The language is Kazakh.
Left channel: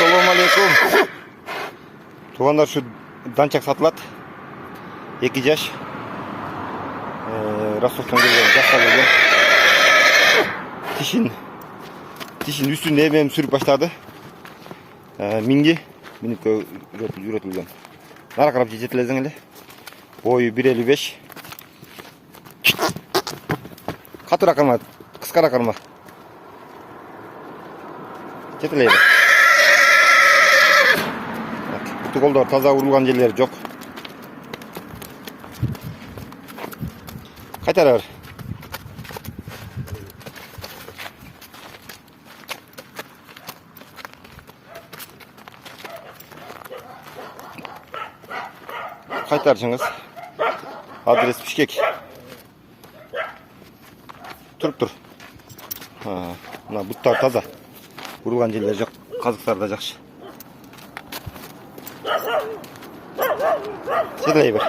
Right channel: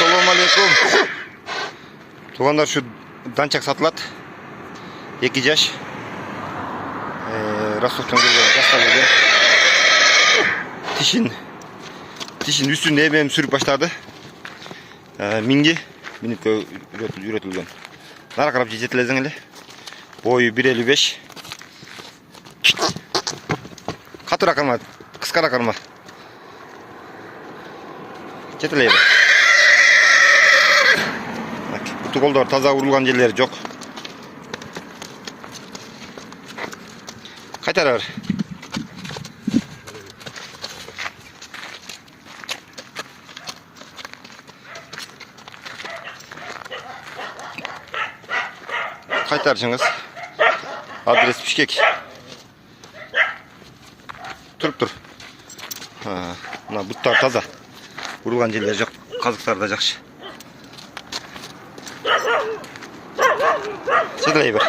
Assalamu alaikum. Туғандар, şu данчак сатылат. 2 жаш. Ростовтан келген, жасқа келген. Тишин үстінде мен сүріп баштады. Минги минутқа үйретілген. Нара қарап жететілезің әлі. Бойы 1.55. Қатыра қарма, қысқара қарма. Жетілейді. Бұты қолдар таза ұрылған жерлері жоқ. Қайтара бар. Қайтаршыңыз. Адрес Бішкек. Тұрып тұр. Мына бұттар таза. Ұрылған жерлері жоқ. Қазықтар да жақсы. Жетілей бір.